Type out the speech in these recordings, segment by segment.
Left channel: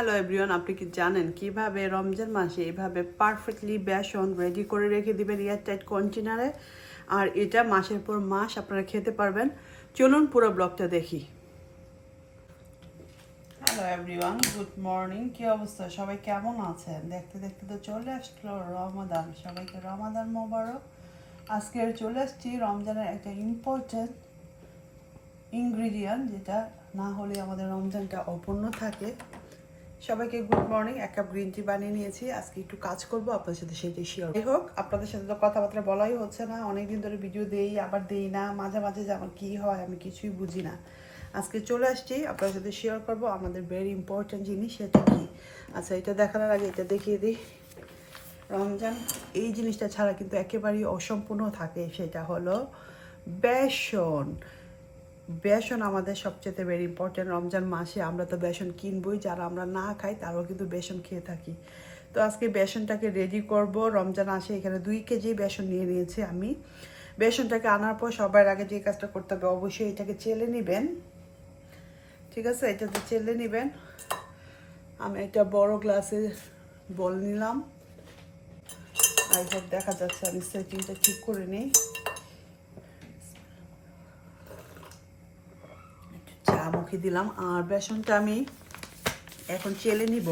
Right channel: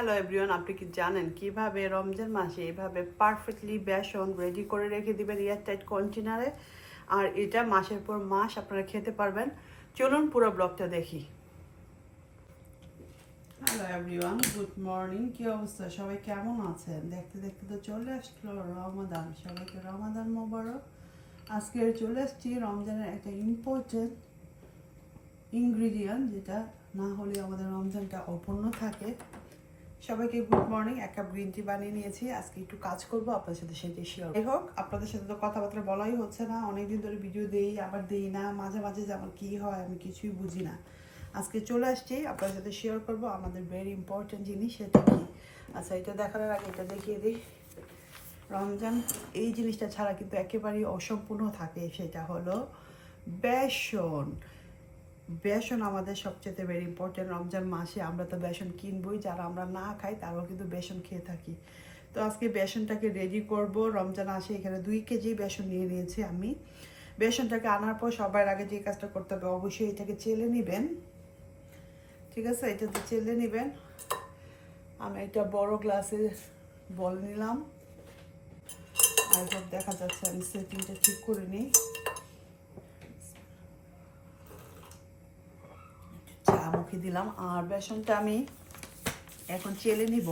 Hello everyone আপনি কি জানেন কীভাবে রমজান মাসে এইভাবে পারফেক্টলি বেসন রেডি করে রেখে দিবেন এয়ারটাইট কন্টেনারে আর এটা মাসের পর মাস আপনারা খেতে পারবেন। চলুন পুরো ব্লগটা দেখি। হ্যালো এভরিওয়ান গুড মর্নিং কি অবস্থা? সবাই কেমন আছেন? দেখতে দেখতে তো চলে আসলো রমাদান। সবাইকে রমাদান মোবারক। আজকে চলে আসছি রমজানের একটা ইম্পর্টেন্ট ইনগ্রিডিয়েন্ট যেটা না হলে আমাদের রমজানটা অপূর্ণ থাকে। সবাইকে গুড মর্নিং এক কাপ গ্রিন টি বানিয়ে নিয়েছি। আজকে একটু কাজ করব, আপনাদের সাথে সেটাই শেয়ার যাই হোক, আপনাদের সাথে তো কথাবার্তা বলাই হচ্ছে না, অনেকদিন ধরে ভিডিও দেই, আবার দেই না, মাঝে মাঝে যে আমার কী হয় আমি কিছুই বুঝি না। আজকে চলে আসছি, আপনাদের সাথে শেয়ার করব আমাদের ভেরি ইম্পর্ট্যান্ট জিনিস, সেটা কি? আচ্ছা এটা দেখানোর আগে এটা দেখিয়ে দিই। রমজান, এই জিনিসটা ছাড়া কিন্তু একেবারেই অসম্পূর্ণ থাকে, সেটা হলো বেসন। বেসন আমাদের সবচেয়ে ভেরি ইম্পর্টেন্ট রমজান মাসে আমরা তো বেসন কিনবই, যারা আমরা না খাই তারাও কিন্তু বেসন খেয়ে থাকি। তো আজকে বেসনটাকে রেডি করব। রমজান আসে এখানে দুই কেজি বেসন নিয়ে নিয়েছি আমি। বেসনটাকে আনার পর সবার আগে যে কাজটা করতে হবে অবশ্যই এটাকে চেলে নেবেন। ঠিক আছে? এটা তো চেলে নেবেন। আমি একটা বড় গ্লাসে বল নিলাম। হোপ দেখা যাচ্ছে আমি সেটিংটা ঠিক করে নিই। মুখে দিলাম আর বেসনটা আমি এখন চেলে নিব।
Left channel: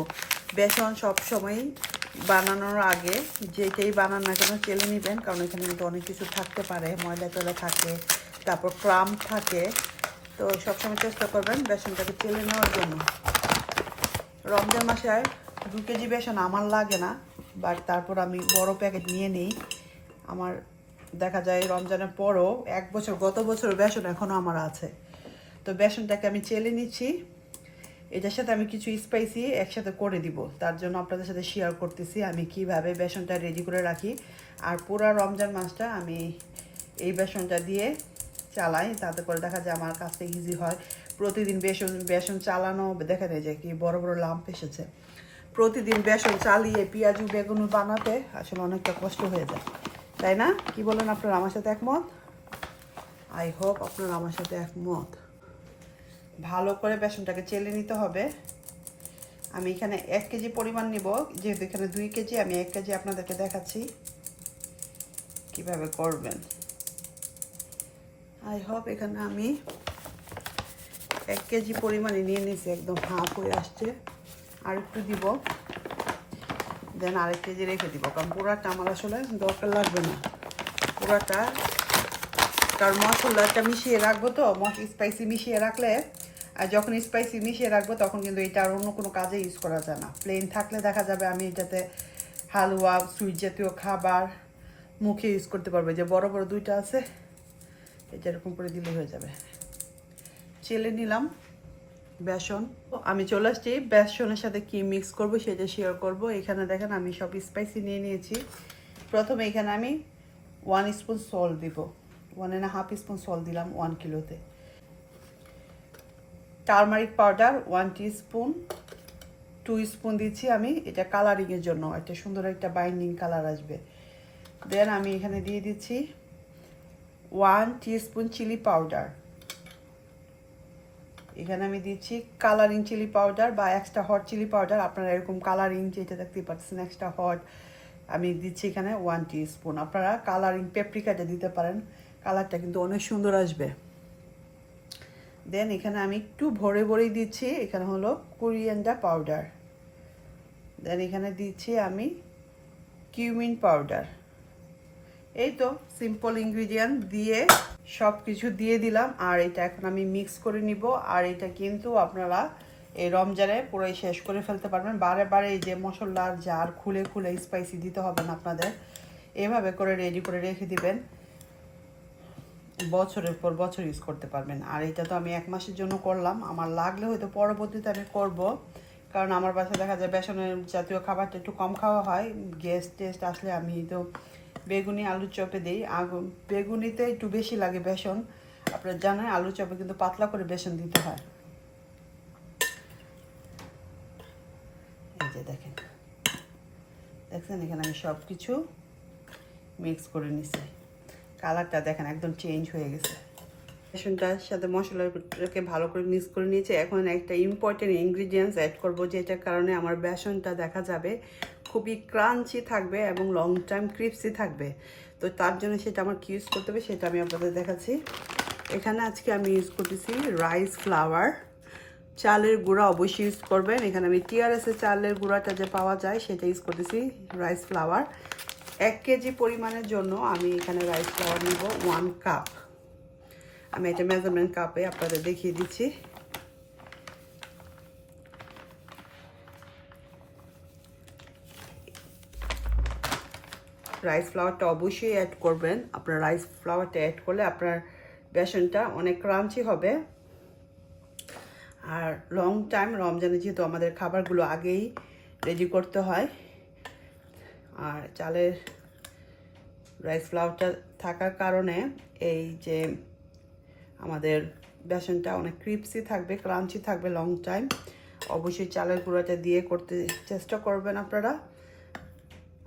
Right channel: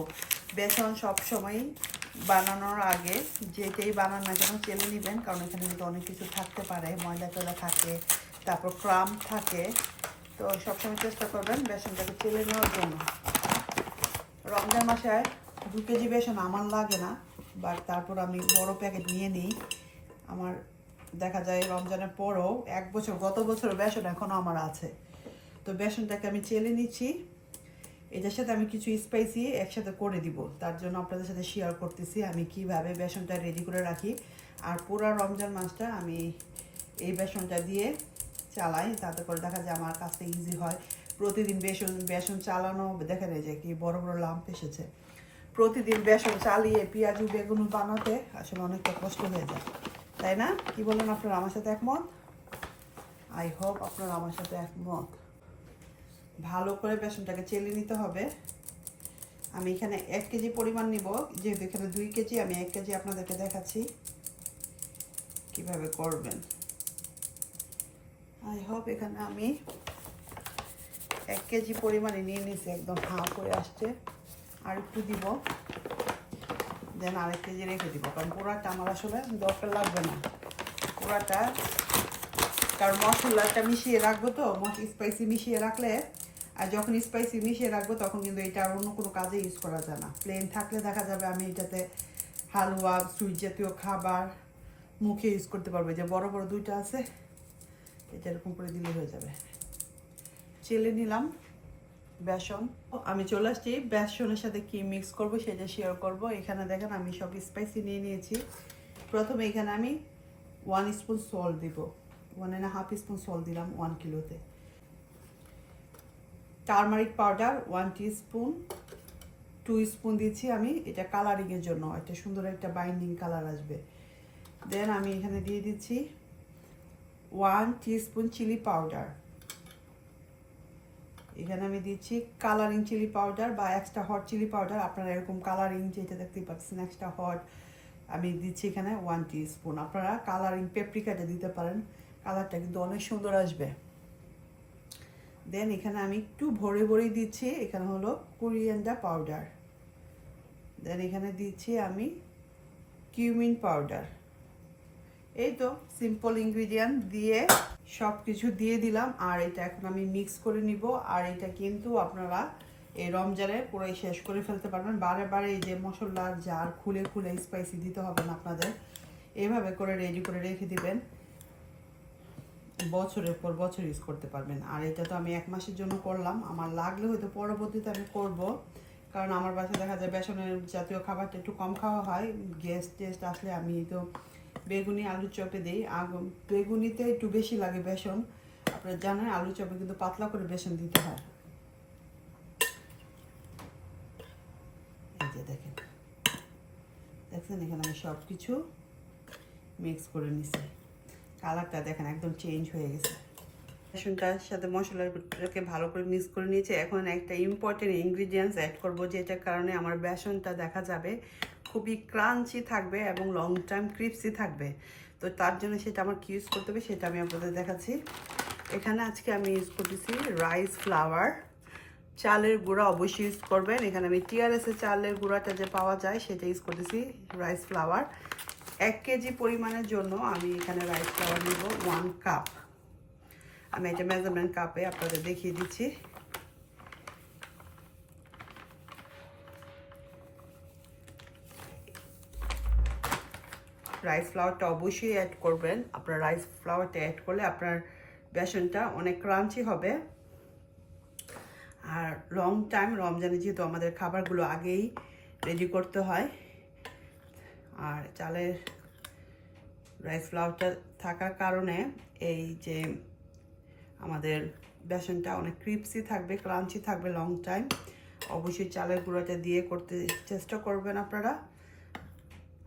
বেসন সব সময় বানানোর আগে যেটাই বানান না কেন চেলে নেবেন, কারণ এখানে কিন্তু অনেক কিছু থাকতে পারে, ময়দা টয়দা থাকে, তারপর ক্রাম থাকে। তো সবসময় চেষ্টা করবেন বেসনটাকে চেলে নেওয়ার জন্য। রমজান মাসে দু কেজি বেসন আমার লাগে না, বাট তারপর আমি বড় প্যাকেট নিয়ে নিই। আমার দেখা যায় রমজানের পরও এক বছর, গত বছর বেসন এখনও আমার আছে। তো বেসনটাকে আমি চেলে নিচ্ছি। এটার সাথে আমি কিছু স্পাইসি একসাথে করে দিব। তার জন্য আপনাদের সাথে শেয়ার করতেছি আমি কীভাবে বেসনটা রেডি করে রাখি। আর পুরো রমজান মাসটা আমি এই বেসনটা দিয়ে চালাই। তাতে করে দেখা যায় আমার কাছে ইজি হয়। প্রতিদিন বেসন বেসন চালানো দেখা যায় যে কি বড় বড় লাম্প এসেছে। প্রতিদিন বেসন চালিয়ে পেঁয়াজু, বেগুন বানাতে আসলে অনেকটা কষ্ট হয়ে যায়। তাই না? কি বলেন আপনারা? আমার সাথে একমত? আই হোপ আপনারা আমার সাথে একমত। ভালো করে বেসনটাকে চেলে নিতে হবে। আমি এখানে এক কেজি পরিমাণ নিব, যেহেতু এখানে দুই কেজি, আমি এক কেজি আপনাদেরকে দেখাচ্ছি কীভাবে করবেন। আই হোপ এখানে আমি এক কেজি পরিমাণে নিয়ে নিয়েছি, একদম হাফ হয়ে আসছে। আর একটু দিব, দেন আরেক কেজি রেখে দিব, কারণ পুরাটা আমার আসলে দরকার লাগবে না। পুরাটা, কারণ মশলাটা মিশিয়ে রাখব তো, মশ স্পাইসি মিশিয়ে রাখলে আর যখন স্পাইসি মিশিয়ে রাখব, তখন কিন্তু এটা আর অন্য কোনো কাজে ইউজ করা যায় না। প্লেন থাকলে দেখা যাবে আমি এটাতে হালুয়া সুইট জাতীয় খাবার মুখে ইউজ করতে পারব। যে বড় বড় দুইটা আছে এটা এরকম করে দিলে হয়ে যাবে। চেলে নিলাম বেসন। আমি চলে আসছি। বেসনের সাথে কি মিক্স করব সেটা শেয়ার করব। এখানে দেখেন আমি সব স্পাইসি নিয়ে নিয়েছি। প্রথমে এখানে আমি ওয়ান স্পুন সল্ট দিব। One and half spoon salt দিলাম one কিলোতে turmeric powder one spoon two spoon দিচ্ছি আমি, এটা কালারিংয়ের জন্য, একটা সুন্দর একটা বাইন্ডিং কালার আসবে। দেন আমি এখানে দিয়ে দিচ্ছি ওয়ান স্পুন চিলি পাউডার। এখানে আমি দিচ্ছি কালারিং চিলি পাউডার বা এক্সট্রা হট চিলি পাউডার, আপনারা এরকম কালারিং যেটা দেখতে পাচ্ছেন, এক্সট্রা হট, আমি দিচ্ছি এখানে ওয়ান স্পুন আপনারা কালারিং পেপ্রিকাটা দিতে পারেন, কালারটা কিন্তু অনেক সুন্দর আসবে। দেন এখানে আমি একটু ভরে ভরে দিচ্ছি। এখানে হলো কোরিয়ান্ডার পাউডার দেন এখানে দিচ্ছি আমি কিউমিন পাউডার এই তো সিম্পল ইনগ্রিডিয়েন্ট দিয়ে সব কিছু দিয়ে দিলাম। আর এটা এখন আমি মিক্স করে নিব। আর এটা কিন্তু আপনারা এই রমজানে পুরোই শেষ করে ফেলতে পারবেন। বারে বারে এই যে মশলার জার খুলে খুলে স্পাইসি দিতে হবে না আপনাদের। এভাবে করে রেডি করে রেখে দিবেন। বছরের পর বছর ইউজ করতে পারবেন। আর এটা তো আমি এক মাসের জন্য করলাম। আমার লাগলে হয়তো পরবর্তীতে আমি করব। কারণ আমার বাসায় দেখা যায় বেসনের জাতীয় খাবারটা একটু কম খাওয়া হয়। গ্যাস টেস্ট আসলে আমি তো বেগুনি আলু চপে দিই। আগুন, বেগুনিতে একটু বেশি লাগে বেসন। আপনারা জানেন আলু চপে কিন্তু পাতলা করে বেসন দিতে হয়। এই যে দেখেন। দেখছেন এখানে আমি সব কিছু মিক্স করে নিছি। কালারটা দেখেন একদম চেঞ্জ হয়ে গেছে। বেসনটার সাথে মশলাটাকে ভালো করে মিক্স করে নিয়েছি। এখন একটা ইম্পর্টেন্ট ইনগ্রিডিয়েন্টস অ্যাড করব, যেটার কারণে আমার বেসনটা দেখা যাবে খুবই ক্রাঞ্চি থাকবে এবং লং টাইম ক্রিপসি থাকবে। তো তার জন্য সেটা আমার কি ইউজ করতে হবে, সেটা আমি আপনাদের দেখাচ্ছি। এখানে আজকে আমি ইউজ করতেছি রাইস ফ্লাওয়ার চালের গুঁড়া অবশ্যই ইউজ করবেন। এখানে আমি টিআরএসের চালের গুঁড়াটা যে পাওয়া যায়, সেটা ইউজ করতেছি রাইস ফ্লাওয়ার এক কেজি পরিমাণের জন্য আমি এখানে রাইস ফ্লাওয়ার নিব ওয়ান কাপ আমি এটা মেজারমেন্ট কাপে আপনাদের দেখিয়ে দিচ্ছি। রাইস ফ্লাওয়ারটা অবশ্যই অ্যাড করবেন। আপনার রাইস ফ্লাওয়ারটা অ্যাড করলে আপনার বেসনটা অনেক ক্রাঞ্চি হবে। আর লং টাইম রমজানে যেহেতু আমাদের খাবারগুলো আগেই রেডি করতে হয় আর চালের রাইস ফ্লাওয়ারটা থাকার কারণে এই যে আমাদের বেসনটা অনেক ক্রিপসি থাকবে ক্রাঞ্চি থাকবে লং টাইম অবশ্যই চালের গুঁড়োটা দিয়ে করতে চেষ্টা করবেন আপনারা।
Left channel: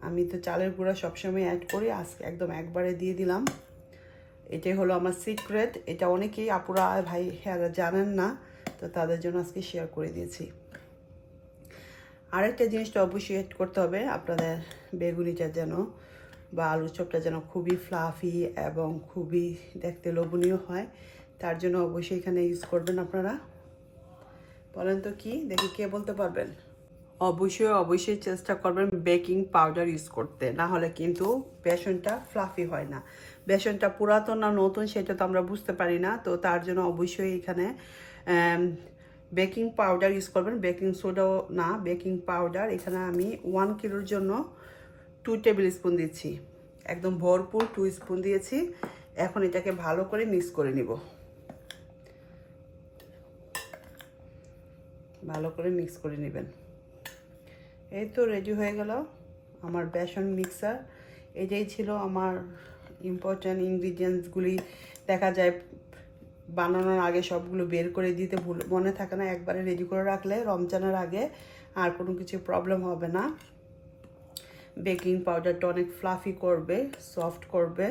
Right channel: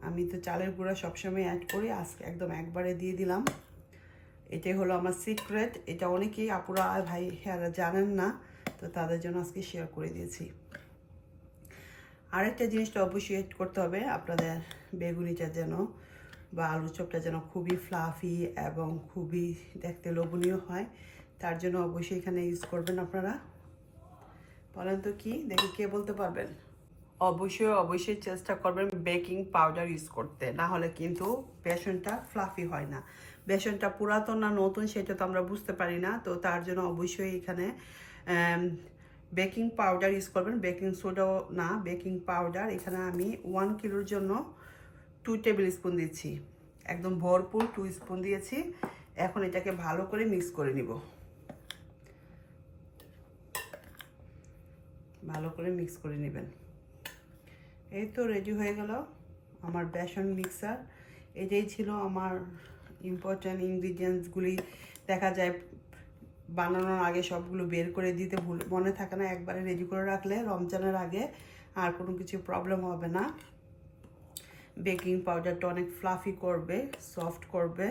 আমি তো চালের গুঁড়া সবসময় অ্যাড করি, আজকে একদম একবারে দিয়ে দিলাম। এটাই হলো আমার সিক্রেট এটা অনেকেই আপুরা ভাই হ্যাঁ জানেন না, তো তাদের জন্য আজকে শেয়ার করে দিয়েছি। আরেকটা জিনিসটা অবশ্যই অ্যাড করতে হবে, আপনাদের বেগুনিটা যেন বা আলুর চপটা যেন খুবই ফ্লাফি এবং খুবই দেখতে লোভনীয় হয়, তার জন্য অবশ্যই এখানে ইউজ করবেন আপনারা। বলেন তো কি? দেখি কে বলতে পারবেন? অবশ্যই অবশ্যই চেষ্টা করবেন বেকিং পাউডার ইউজ করতে, না হলে কিন্তু বেসনটা ফ্লাফি হয় না। বেসনটা পুরাতন না নতুন, সেটা তো আমরা বুঝতে পারি না, তো তার জন্য অবশ্যই এখানে বেকিং পাউডার ইউজ করবেন। বেকিং সোডাও না, বেকিং পাউডার। এখানে আমি ওয়ান কিলোর জন্য টু টেবিল স্পুন দিচ্ছি। একদম ভরপুর টু স্পুন দিয়েছি। এখন এটাকে ভালো করে মিক্স করে নিব। ভালো করে মিক্স করে নেবেন। এই তো রেডি হয়ে গেল আমার বেসন মিক্সার এটাই ছিল আমার ইম্পর্ট্যান্ট ইনগ্রিডিয়েন্টসগুলি দেখা যায় বানানোর আগে সবগুলো বের করে দিতে ভুল, মনে থাকে না, একবারে রেডি করে রাখলে রমজানের আগে আর কোনো কিছু প্রবলেম হবে না। বেকিং পাউডারটা অনেক ফ্লাফি করবে সফট করবে,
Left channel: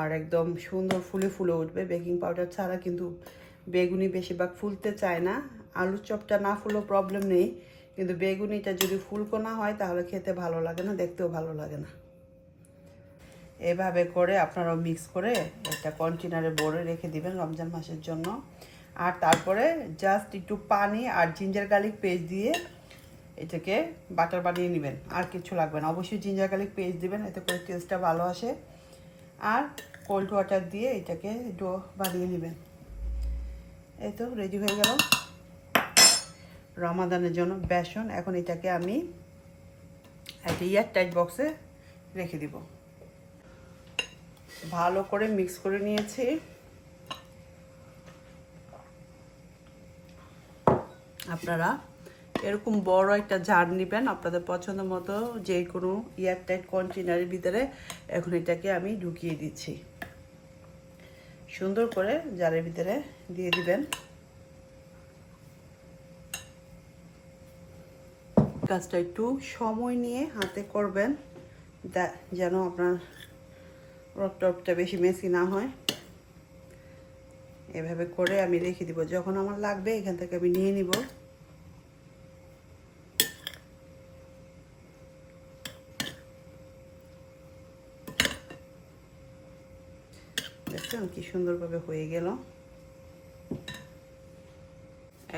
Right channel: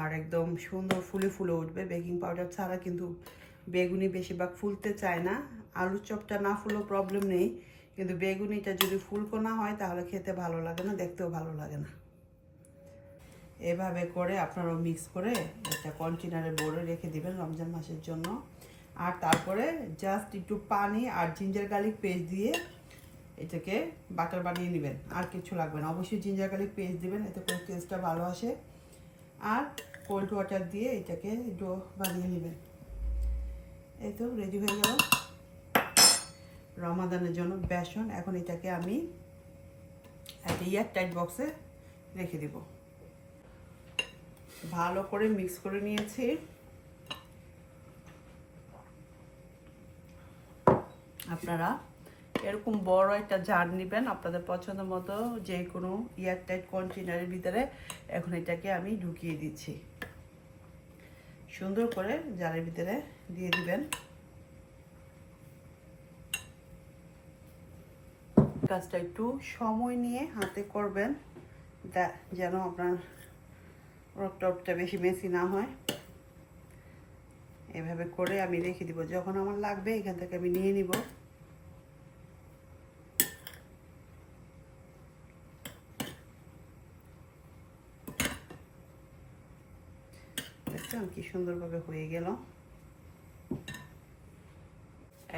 আর একদম সুন্দর ফুলে ফুলে উঠবে। বেকিং পাউডার ছাড়া কিন্তু বেগুনি বেশিরভাগ ফুলতে চায় না। আলুর চপটা না ফুলেও প্রবলেম নেই, কিন্তু বেগুনিটা যদি ফুলকো না হয়, তাহলে খেতে ভালো লাগে না, দেখতেও ভালো লাগে না। এভাবে করে আপনারাও মিক্স করে একটা কন্টেনারে ভরে রেখে দিবেন রমজান মাসের জন্য। আর তারপরে জাস্ট একটু পানি আর জিঞ্জার গার্লিক পেস্ট দিয়ে এটাকে বাটার বানিয়ে নেবেন। আর কিছু লাগবে না। অবশ্যই জিঞ্জার গার্লিক পেস্ট দিবেন, এতে করে টেস্টটা ভালো আসে। আর কোল্ড ওয়াটার দিয়ে এটাকে ডো বানিয়ে নেবেন। এই তো রেডি হয়ে গেল। রমাদানের জন্য বেসন, এখন এটাকে আমি একটা ইয়ার টাইট বক্সে রেখে দিব। ভালো করে মিক্স করে নিয়েছি। আপনারা এরকম বড় একটা জার নেবেন, আপনাদের পছন্দ মতো যে কোনো ইয়ার টাইট কন্টেনারের ভিতরে এখন এটাকে আমি ঢুকিয়ে দিচ্ছি। সুন্দর করে জারের ভিতরে দিয়ে দিবেন। কাজটা একটু সময় নিয়ে হাতে করবেন যেন আপনার রকটপটা বেশি মেসি না হয়। এভাবে করে আমি রেখে দিব। যখন আমার লাগবে এখান থেকে আমি নিয়ে নিব। কি সুন্দরভাবে হয়ে গেল।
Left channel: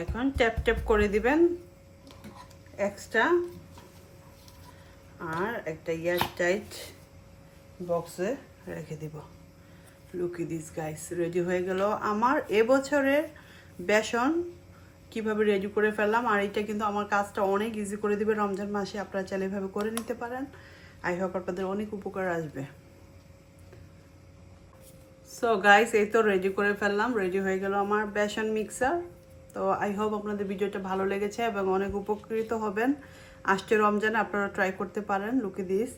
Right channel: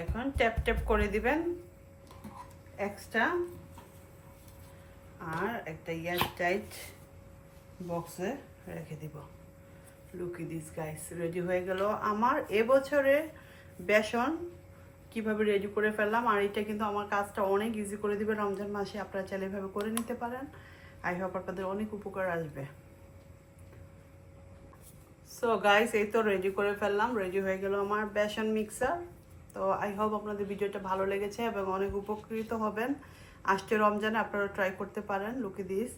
এখন ট্যাপ ট্যাপ করে দিবেন এক্সট্রা। আর একটা ইয়ার টাইট বক্সে রেখে দিব। লুকি দিস গাইস রেডি হয়ে গেল আমার এবছরের বেসন। কীভাবে রেডি করে ফেললাম, আর এটা কিন্তু আমার কাজটা অনেক ইজি করে দিবে রমজান মাসে, আপনারা চাইলে এভাবে করে নিতে পারেন। আই হোপ আপনাদের অনেক উপকার আসবে। সো গাইস এই তো রেডি করে ফেললাম রেডি হয়ে গেল আমার বেসন মিক্সার তো আই হোপ আপনাদের ভিডিওটা ভালো লেগেছে এবং অনেক উপকৃত হবেন। আসছে রমজানে, আপনারা ট্রাই করতে পারেন। লুকে দিস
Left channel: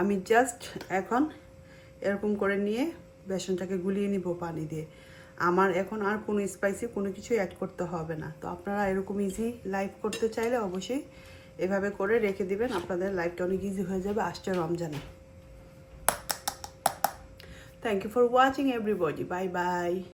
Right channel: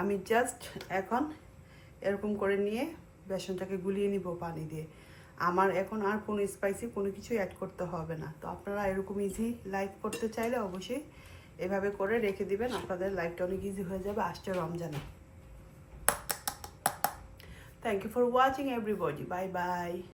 আমি জাস্ট এখন এরকম করে নিয়ে বেসনটাকে গুলিয়ে নিব পানি দিয়ে। আমার এখন আর কোনো স্পাইসি কোনো কিছু অ্যাড করতে হবে না। তো আপনারা এরকম ইজি লাইভ করতে চাইলে অবশ্যই এভাবে করে রেখে দিবেন। আপনাদের লাইফটা অনেক ইজি হয়ে যাবে আসছে রমজানে। Thank you for watching everybody bye bye